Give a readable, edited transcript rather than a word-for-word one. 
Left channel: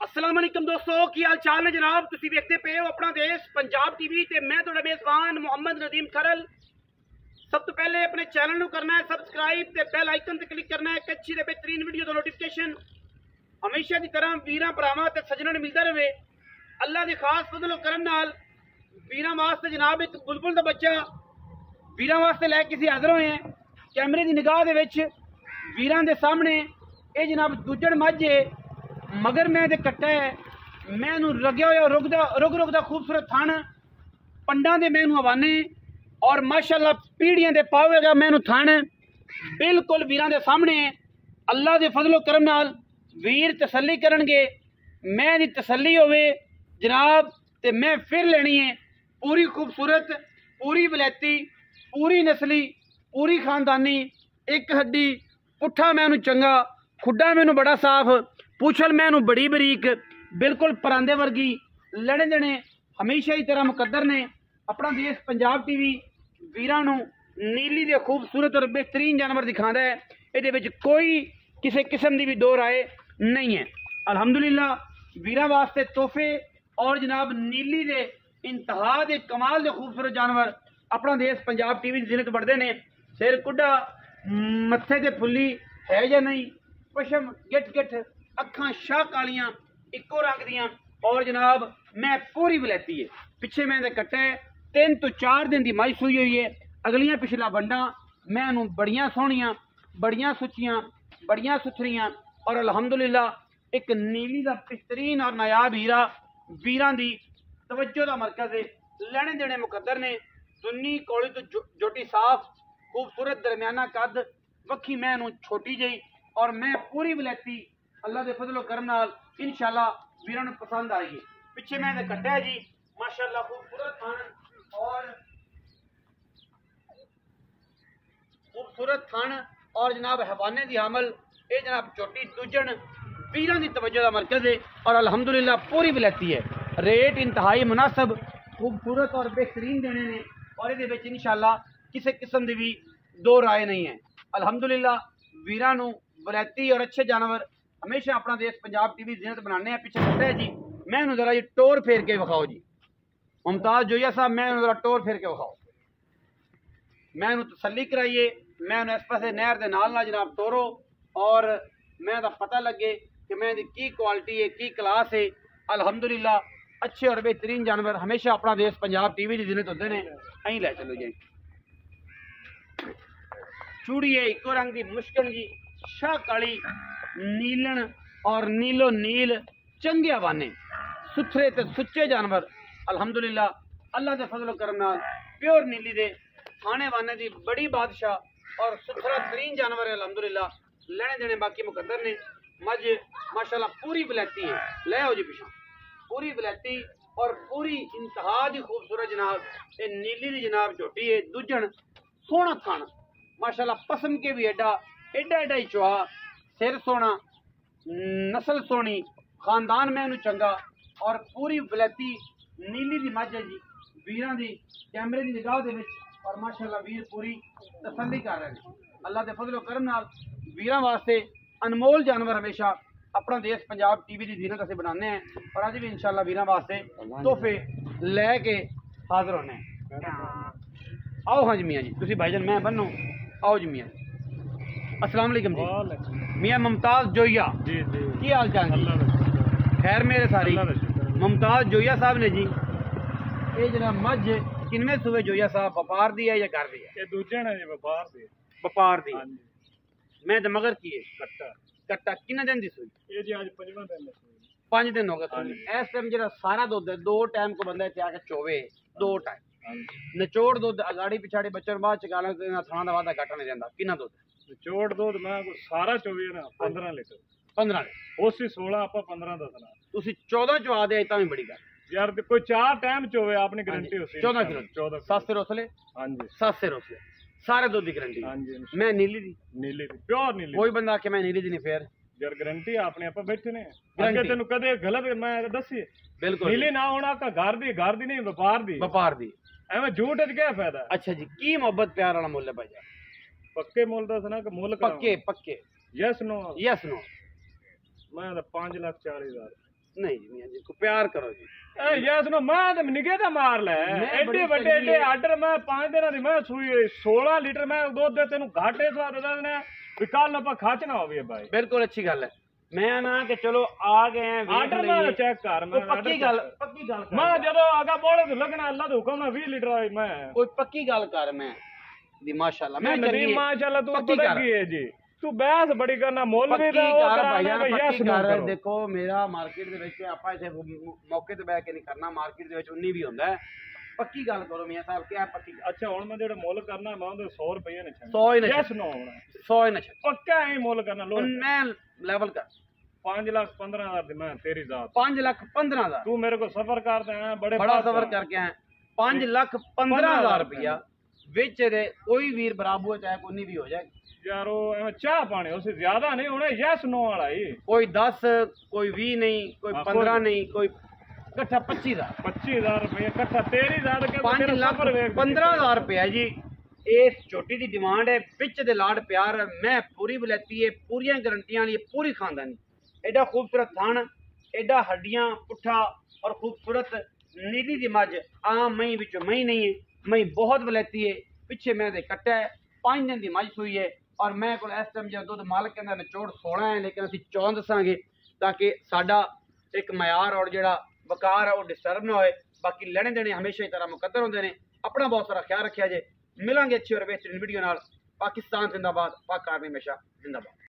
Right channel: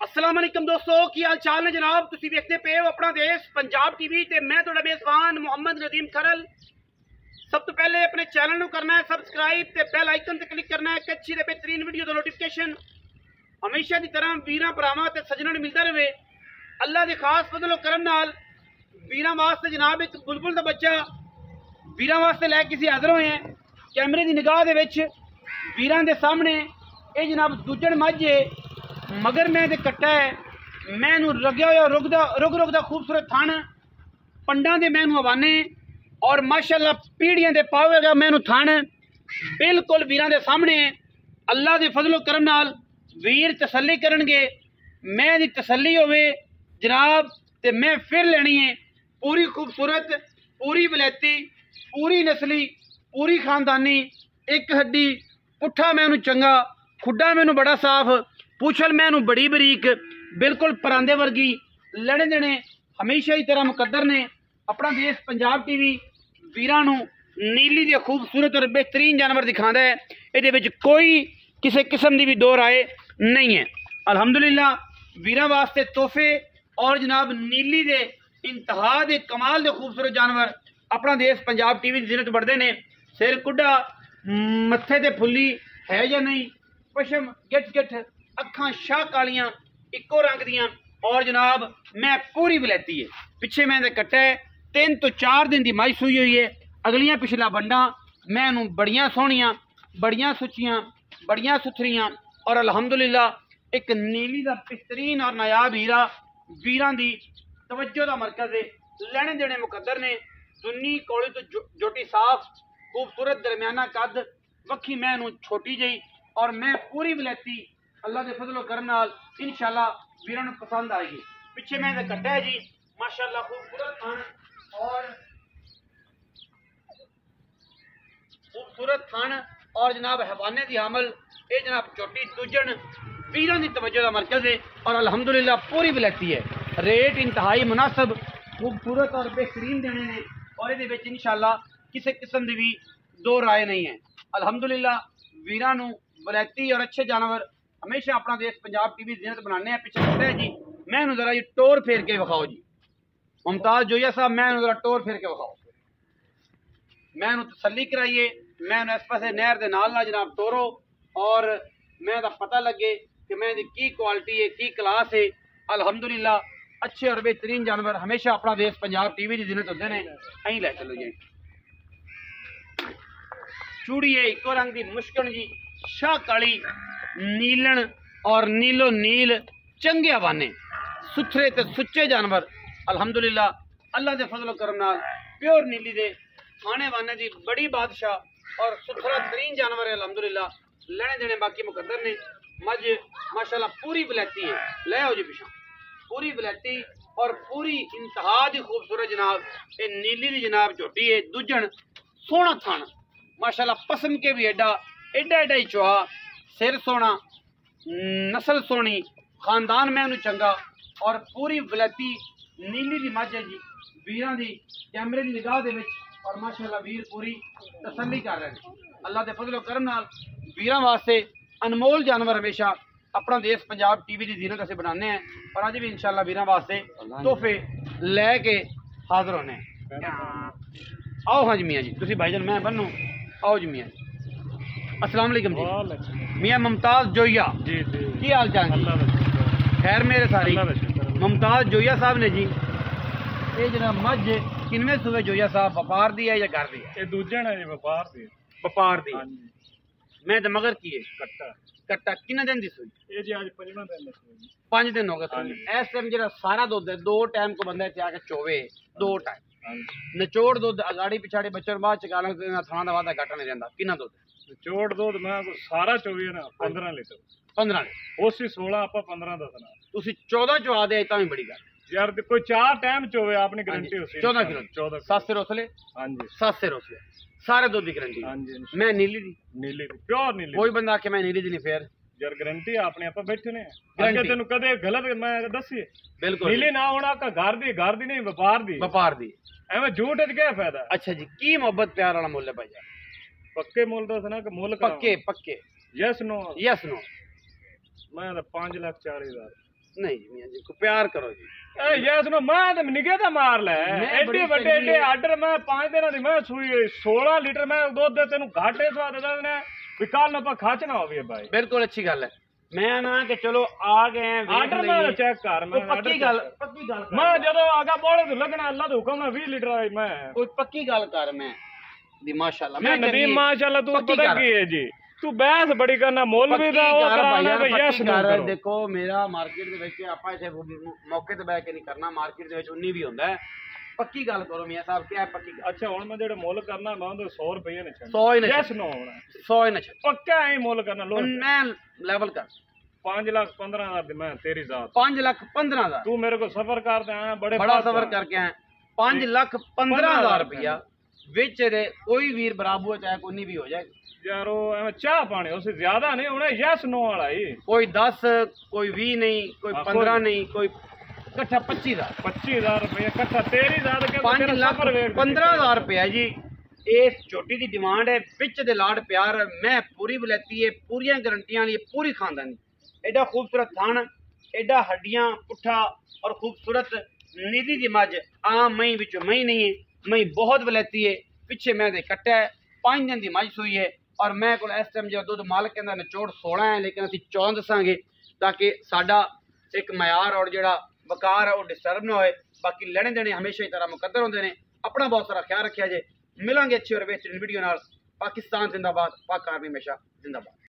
अस्सलाम वालेकुम दोस्तों, की हाल चाल ने जनाब। तुसी देखते पे हो अपना देश पंजाब टीवी ते मैं तुहाडा मेज़बान मोहम्मद नदीम खरल। सब तो पहले अपने चैनल को करना है सबसक्राइब ते बेल आइकन ते क्लिक करना है कि अच्छी ते बेहतरीन वीडियो का नोटिफिकेशन हमेशा की तरह वीरां भरावां ते सज्जनां नूं मिलता रहे। अल्लाह के खास फजल करम नाल वीरां वास्ते जनाब एक बुलबुल का बच्चा वीरां वास्ते लैके असीं हाज़र होए हैं। कैमरे की निगाह दे विच वीरां दे सामने ये जनाब दूजड़ मझ मगर मैं ते कट्टा है। मैं लग्या होया रुक रुकदा खूबसूरत थन पंडा दे मैं हवाने और माशाअल्लाह पीढ़ियां दे पावेगा मैं थन बिल्कुल वीरां दे सामने। अल्लाह दे फजलो करम नाल वीर तसल्ली करनगे, मैं दी तसल्ली होवे जनाब ते मैं फिर लेनी है पूरी खूबसूरत, पूरी वलैती, पूरी नस्ली, पूरी खानदानी, एक हड्डी पुट्ठा मैनू चंगा, खुड्डा मैनू बड़ा साफ, पूछल मैनू बड़ी बरीक, बिल्कुल परांदे वर्गी, लड़े देने हमेशा ही तरह मुकद्दर ने अपना देश पंजाब टीवी वीरां नू नीली दे खूबसूरत और बेहतरीन जानवर दिखाता है। ये कोई किसी किस्म की भी दो राय नहीं है। अल्हम्दुलिल्लाह वीरां वास्ते तोहफे और जनाब नीली दे इंतहा दे कमाल दे खूबसूरत जानवर अपना देश पंजाब टीवी की जिन्नत बढ़ते हैं। सिर कुड्डा, मत्थे ते फुल्ली है या नहीं, पशम गिट गिट, अखां शाह कालियां इको रंग दियां और जनाब मैं पूरी वलैती है। पिछे मैं कट्टा है 3 तो 4 दिन की माई सूई हुई है। अगलियां पिछला बंडा मैं बड़ियां सोहनियां, बड़ियां सुचियां, बड़ियां सुथरियां और अल्हम्दुलिल्लाह एक नीली का बेहतरीन और नायाब हीरा वीरां दी तवज्जो का मरकज है। लैने देने मुकद्दर ने दुन्नी कोली तो जोटी साफ खूबसूरत दरमियाना कद, वक्खी मैं छोटी जही और मैं पूरी वलैती अल्लाह के फजलो करम नाल इंशाअल्लाह वीरां नूं पसंद आएगी। पिछे मैं कट्टा है जी माशाअल्लाह खूबसूरत थान और जनाब हवाने की हामल ये जनाब चोटी दूजन वीरां की तवज्जो का मरकज है और अल्हम्दुलिल्लाह पूरी वलैती है। रेट इंतहाई मुनासिब, खूबसूरत और बेहतरीन देने ने और ये इंशाअल्लाह किसी किस्म की भी दो राय नहीं है। अल्हम्दुलिल्लाह वीरां नूं वलैती और अच्छे जानवर हमेशा अपना देश पंजाब टीवी जिन्नत बनाने हैं। पिछले कट्टे जी मैं जरा जी टोर फेर के विखाओ जी मुमताज जोया साहब, मैं जरा टोर फेर के विखाओ, मैं तसल्ली कराइए, मैं इस पास नहर के नाल जनाब टोरो और मैं पता लगे कि मैं की क्वालिटी है, की क्लास है। अल्हम्दुलिल्लाह अच्छे और बेहतरीन जानवर हमेशा अपना देश पंजाब टीवी की जिन्नत होते हैं। अं लै चलो जी चूड़ी है इको रंग की मुश्किल जी शाह काली नीलन और नीलो नील चंगे हवाने सुथरे ते सुच्चे जानवर अल्हम्दुलिल्लाह अल्लाह के फजलो करम नाल प्योर नीली दे खाने वाने की बड़ी बादशाह और सुथरा तरीन जानवर है। अल्हम्दुलिल्लाह लेने देने बाकी मुकद्दर ने मझ माशाल्लाह पूरी वलैती है। ले आओ जी पिछा पूरी वलैती और पूरी इंतहा की खूबसूरत जनाब ये नीली की जनाब झोटी है। दूजन सोहना थान माशाल्लाह पसम के भी एडा एडा एडा ही चुहा, सिर सोना, नस्ल सोनी, खानदान में चंगा और पूरी वलैती नीली की मझ है जी वीरां दी कैमरे की निगाह दे विच और माशाल्लाह वीर पूरी तसल्ली कर रहे हैं। अल्लाह के फजलो करम नाल वीरां वास्ते अनमोल जानवर हमेशा अपना देश पंजाब टीवी की जीनत असीं बनाने हैं और अज भी इंशाअल्लाह वीरां वास्ते तोहफे लैके हाजिर होने। आओ हाँ जी मियाँ जी, तुसीं भाईजान मैं बनो, आओ जी मियाँ जी। अस्सलाम वालेकुम जी। मियाँ मुमताज जोया जी की हाल चाल जी? खैर मेरे सारी मुमताज जोया साहब ने जी ये जरा मझ किनवे सूबे जोया साहब व्यापार दी है या घर दी है? ये दूजन है जी व्यापार दी। व्यापार दी मैं तो मगर की है कट्टा कट्टा किन्ने दिन दी सूई? ये जी आज 5वां दिन है सूई। 5 दिन हो गए सूई। इस टाइम जरा सारा दुध है 2 टाइम को बंदा इत्थे आके चोवे 2 टाइम निचोड़ दुध अगाड़ी पिछाड़ी बच्चों बाद चकाना थाना का वादा घट नहीं रहा। किन्ना दुध निचोड़ दुध मैं सारा चोवी ना 15 लीटर 15 लीटर उसी 16 आप 15 दसना तुसी 14 चवा दे तां भी बड़ी गल यार कोई 4 टाइम चोवे आपने गारंटी होसी 14 किलो 14 7 से रोसले। हाँ जी 7 से रोसले सारे दूध की गारंटी। हाँ जी मैं नीली दी प्योर नीली। कोई बंदा आके मैं नीली दी नहीं फिर यार गारंटी आपने आप बैठे ने अगे तेन कदे गलत मैं दसी बिल्कुल नीली ना होना का घर दी नहीं व्यापार दी एवं झूठ क्या फायदा। अच्छा जी की मोहब्बत प्यार वाला मुल है भाई यार? पक्के मुल दस ना कि मुल पक्के पक्के यस नो यस नो मैं 5,40,000 नहीं जी मियां जी को प्यार करो जी। ए यस नो मैं ते निगे दा मार ले एडे बड़े एडे आर्डर मैं 5 दिन दी मैं सुई 16 लीटर मैं दूध दे तेनु घाटे स्वाद दे भी कल ना खाच ना होवे भाई। बिल्कुल अच्छी गल है। मैं ना कि चलो आ गए हैं आर्डर मैं चेक कर मैं पक्की गल मैं जदों आगा बोले तो लगना अल्लाह दे हुक्म ना 20 लीटर आई मैं कोई पक्की गल कर मैं दी माशाल्लाह मैं नदीम माशाल्लाह तू पता की है जी तू बहस बड़ी करना मौलवी दा ओ करना यस नो करो। देखो मेरा मार्केट दे विच आपा इथे मौके ते बैठ के नहीं करना मार्केट दे विच 19 भी हुंदा है। पक्की गल करो मियां साहब क्या है पक्की गल। अच्छा हुन मैं जेड़ा मुल करना मैं ओदे 100 रुपए ने छड़ 100 ही ने यस नो होना 100 ही ने छड़ पक्का ही मुल करना लो मैं लेवल कर 5,15,000 दी मैं तेरी जात 5,15,000 तू मेरे को सफर करते हैं बड़ा सफर करके आए 5,15,000 रुपया विच दे कोई वीर बराबर चाहे कोई नहीं भी हो जाए यारो चाह पानी उससे ज्यादा नहीं होना यस नो वाला ही कोई 10 कोई 20 नहीं कोई 15 नहीं कोई कट्ठा 25,000 रुपया कट्ठा तेरी जात के 5,15,000 रुपया जी। इस छोटी दी डिमांड है पिच दे लाड प्यार मैं पूरी बलैती है पूरी गारंटियां वाली पूरी खानदानी एडा खूबसूरत थान एडा हड्डियां पुट्ठा और खूबसूरत नीली दी मज आम मई विच मई नहीं है मई बहुत बलैती है पिछे मैं दे कट्टा है 5 दिन दी मज सुई है और मैं को इस टाइम जो दुध मालिक कहंदा निचोड़ 16 है लेकिन असं 14 दसांगे ताकि साडा एक मयार और जेड़ा वकार है वो डिस्टर्ब ना होए। बाकी लेने देने हमेशा ही तरह मुकद्दर होंदे ने। अपना बहुत सारा ख्याल रखिया जे मिलांगे अच्छी और बेहतरीन वीडियो नाल। पाकिस्तान जिंदाबाद पाक आर्मी हमेशा जिंदाबाद।